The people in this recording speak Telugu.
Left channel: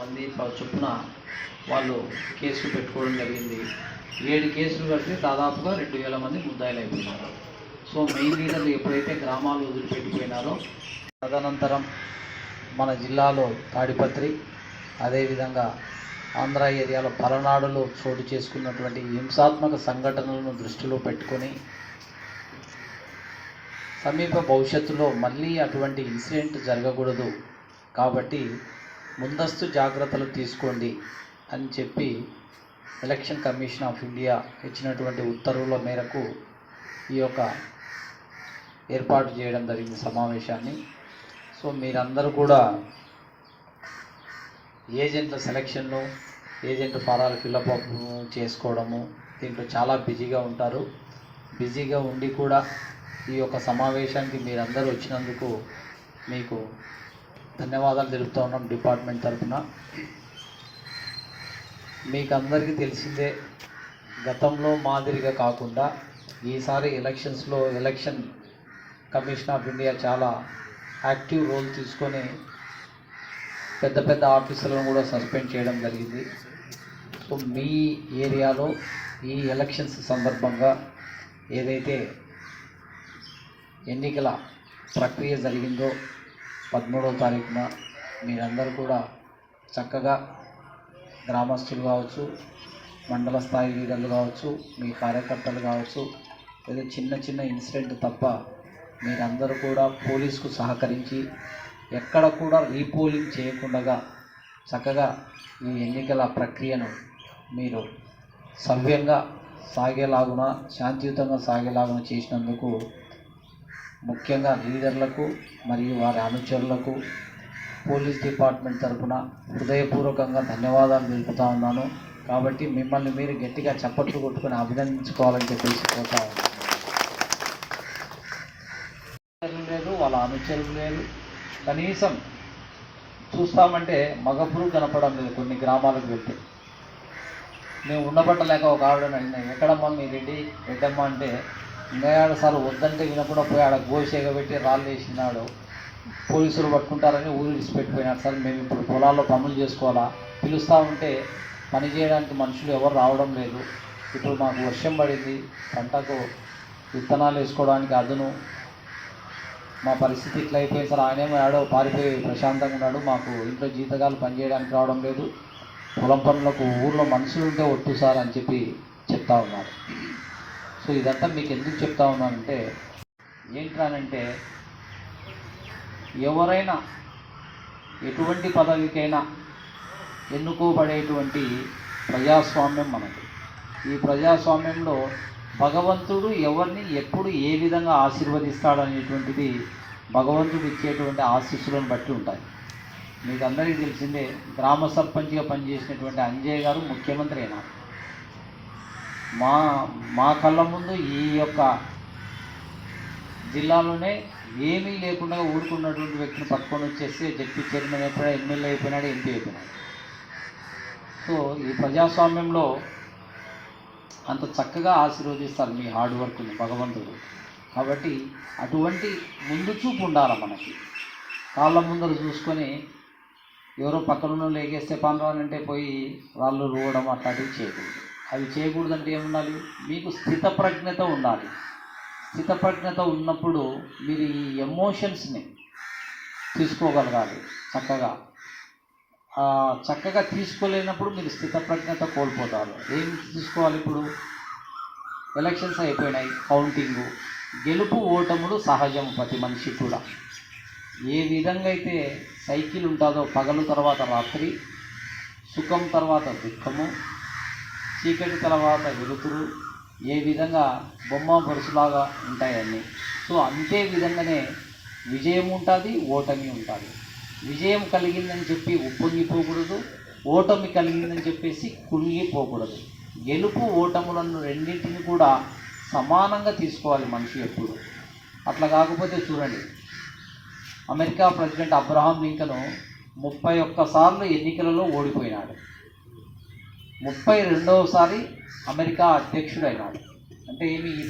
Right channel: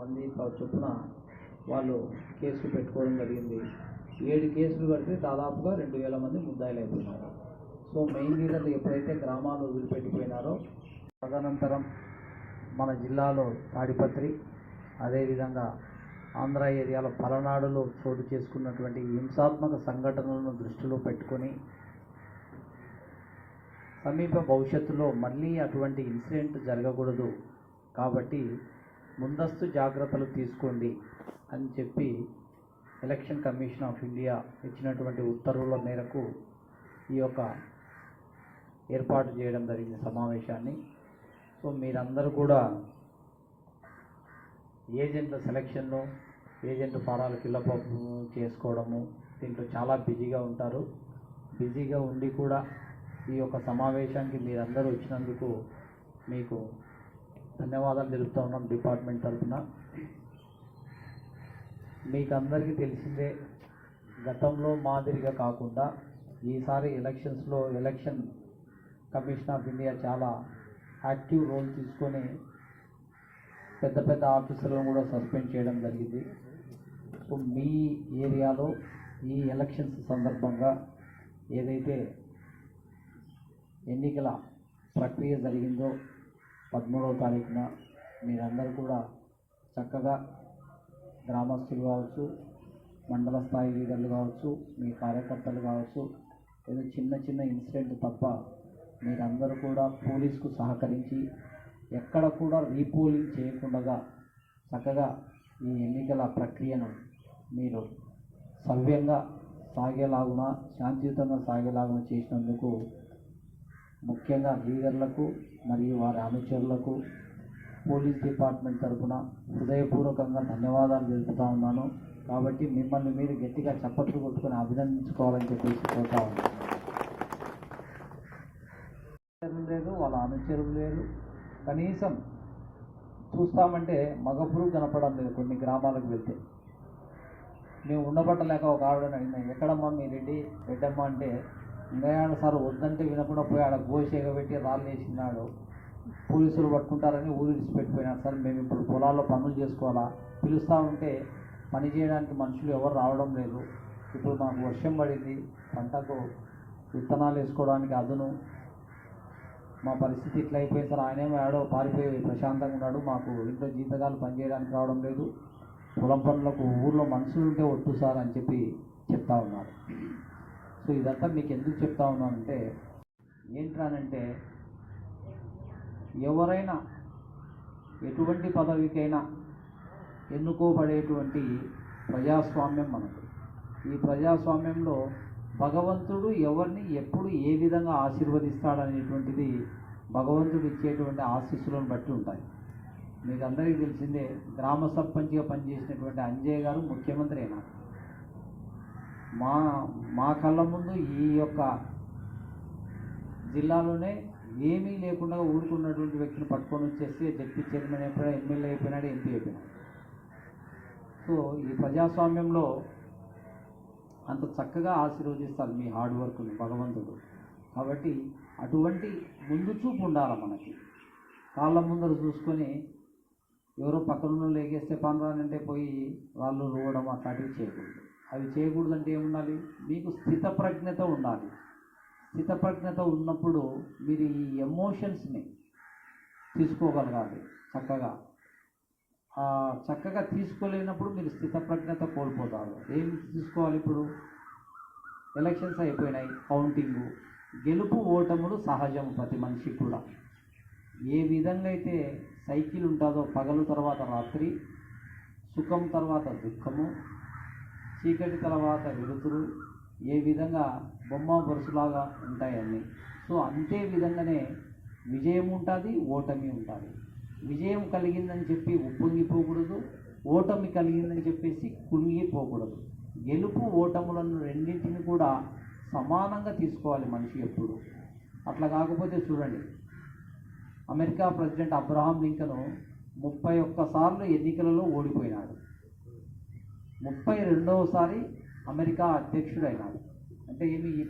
మంది చొప్పున వాళ్ళు కేసులు పెట్టుకోవడం జరిగింది. 7 కేసులు కడితే దాదాపుగా 2000 మంది ముద్దాయిలు అయిపోయినారు. సో మెయిన్ లీడర్లు ఎప్పుడైతే గ్రామాలు వదిలిపెట్టిపోయినారో తదనంతరం మన జిల్లాలో తాడిపత్రి, అదేవిధంగా ఆంధ్ర ఏరియాలో పలనాడులో చోటు చేసుకున్నటువంటి హింసాత్మక సంఘటనలను దృష్టిలో పెట్టుకొని సమీప భవిష్యత్తులో మళ్ళీ అటువంటి ఇన్సిడెంట్ జరగకూడదు కాబట్టి ముందస్తు జాగ్రత్తలు తీసుకోండి అని చెప్పి ఎలక్షన్ కమిషన్ ఆఫ్ ఇండియా ఇచ్చినటువంటి ఉత్తర్వుల మేరకు ఈ యొక్క ఏర్పాటు చేయడం జరిగింది సమావేశాన్ని. సో మీరందరూ కూడా ఏజెంట్ల సెలక్షన్లో ఏజెంట్ ఫారాలు ఫిల్అప్ చేసుకోవడము దీంట్లో చాలా బిజీగా ఉంటారు. బిజీగా ఉండి కూడా ఈ యొక్క సమావేశానికి మీరందరూ వచ్చినందుకు మీకు ధన్యవాదాలు తెలుపుతూ ఉన్నాం డిపార్ట్మెంట్ తరఫున. మీకు అందరికీ తెలిసిందే, గతంలో మాదిరిగా కాకుండా ఈసారి ఎలక్షన్స్లో ఎలక్షన్ కమిషన్ ఆఫ్ ఇండియా చాలా యాక్టివ్ రోల్ తీసుకొని పెద్ద పెద్ద ఆఫీసర్లను కూడా సస్పెండ్ చేయడం జరిగింది. సో మీ ఏరియాలో ఈ ఎలక్షన్స్ సందర్భంగా ఏదైతే ఎన్నికల ప్రక్రియ జరిగిందో 13వ తారీఖున మీరందరూ కూడా చక్కగా గ్రామస్తులు కావచ్చు, మండల స్థాయి లీడర్లు కావచ్చు, మీ కార్యకర్తలు కావచ్చు, ఏదో చిన్న చిన్న ఇన్సిడెంట్ తప్ప మీరందరూ కూడా పోలీసుకు సహకరించి ఎక్కడ కూడా రీపోలింగ్ చేయకుండా చక్కగా ఈ ఎన్నికల ప్రక్రియను మీరు సవ్యంగా సాగేలాగున, శాంతియుతంగా సాగేలాగున చేసినందుకు ముఖ్యంగా లీడర్లకు మరియు వారి అనుచరులకు పోలీస్ డిపార్ట్మెంట్ తరఫున హృదయపూర్వకంగా ధన్యవాదాలు తెలుపుతా ఉన్నాను. కాబట్టి మిమ్మల్ని మీరు గట్టిగా చప్పట్లు కొట్టుకొని అభినందించుకోవాలని చెప్పేసి కోరుతా ఉన్నాను. లేదు, వాళ్ళ అనుచరులు లేదు, కనీసం చూస్తామంటే మగపురు కనపడం లేదు. కొన్ని గ్రామాలకు వెళ్తే మేము ఉండబట్టలేక ఒక ఆవిడని అడిగినా, ఎక్కడమ్మా మీ రెడ్డమ్మ అంటే ఇంకా సార్ వద్దంటే వినకుండా పోయి ఆడ గోషేగ పెట్టి రాళ్ళు వేసినాడు, పోలీసులు పట్టుకుంటారని ఊరు విడిచిపెట్టిపోయినాడు. సార్ మేము ఇప్పుడు పొలాల్లో పనులు చేసుకోవాలా, పిలుస్తూ ఉంటే పని చేయడానికి మనుషులు ఎవరు రావడం లేదు. ఇప్పుడు మాకు వర్షం పడింది, పంటకు విత్తనాలు వేసుకోవడానికి అదును, మా పరిస్థితి ఇట్లా అయిపోయింది సార్. ఆయనేమో ఆడో పారిపోయి ప్రశాంతంగా ఉన్నాడు, మాకు ఇంట్లో జీతగాలు పని చేయడానికి రావడం లేదు, పొలం పనులకు ఊళ్ళో మనుషులు ఉంటే ఒట్టు సార్ అని చెప్పి చెప్తా ఉన్నారు. సో ఇదంతా మీకు ఎందుకు చెప్తా ఉన్నానంటే, ఏంటనంటే ఎవరైనా ఎటువంటి పదవికైనా ఎన్నుకోబడేటువంటి ప్రజాస్వామ్యం మనకి. ఈ ప్రజాస్వామ్యంలో భగవంతుడు ఎవరిని ఎప్పుడు ఏ విధంగా ఆశీర్వదిస్తాడనేటువంటిది భగవంతుడు ఇచ్చేటువంటి ఆశీస్సులను బట్టి ఉంటాయి. మీకు అందరికీ తెలిసిందే, గ్రామ సర్పంచ్గా పనిచేసినటువంటి అంజయ్య గారు ముఖ్యమంత్రి అయినారు. మా కళ్ళ ముందు ఈ యొక్క జిల్లాలోనే ఏమీ లేకుండా ఊరుకున్నటువంటి వ్యక్తిని పట్టుకొని వచ్చేసి జడ్పీ చైర్మన్ అయిపోయాడు, ఎమ్మెల్యే అయిపోయినాడు, ఎంపీ అయిపోయినాడు. సో ఈ ప్రజాస్వామ్యంలో అంత చక్కగా ఆశీర్వదిస్తారు మీ హార్డ్ వర్క్ని భగవంతుడు. కాబట్టి అటువంటి ముందు చూపు ఉండాలి మనకి. కాళ్ళ ముందర చూసుకొని ఎవరో పక్కన లేకేస్తే పనురానంటే పోయి రాళ్ళు రువ్వడం అట్లాంటివి చేయకూడదు. అవి చేయకూడదంటే ఏముండాలి, మీకు స్థితప్రజ్ఞత ఉండాలి. స్థితప్రజ్ఞత ఉన్నప్పుడు మీరు ఈ ఎమోషన్స్ని తీసుకోగలగాలి. చక్కగా తీసుకోలేనప్పుడు మీరు స్థితప్రజ్ఞత కోల్పోతారు. ఏం తీసుకోవాలి, ఇప్పుడు ఎలక్షన్స్ అయిపోయినాయి, కౌంటింగు, గెలుపు ఓటములు సహజం ప్రతి మనిషి కూడా. ఏ విధంగా అయితే సైకిల్ ఉంటుందో పగలు తర్వాత రాత్రి, సుఖం తర్వాత దుఃఖము, చీకటి తర్వాత వెలుతురు, ఏ విధంగా బొమ్మ బొరుసులాగా ఉంటాయన్నీ. సో అంతే విధంగానే విజయం ఉంటుంది, ఓటమి ఉంటుంది. విజయం కలిగిందని చెప్పి ఉప్పొంగిపోకూడదు, ఓటమి కలిగిందని చెప్పేసి కుళ్ళిపోకూడదు. గెలుపు ఓటములను రెండింటిని కూడా సమానంగా తీసుకోవాలి మనిషి ఎప్పుడు. అట్లా కాకపోతే చూడండి, అమెరికా ప్రెసిడెంట్ అబ్రహాం లింకన్ 31 సార్లు ఎన్నికలలో ఓడిపోయినాడు, 32వ సారి అమెరికా అధ్యక్షుడైనాడు. అంటే ఏమి ఈ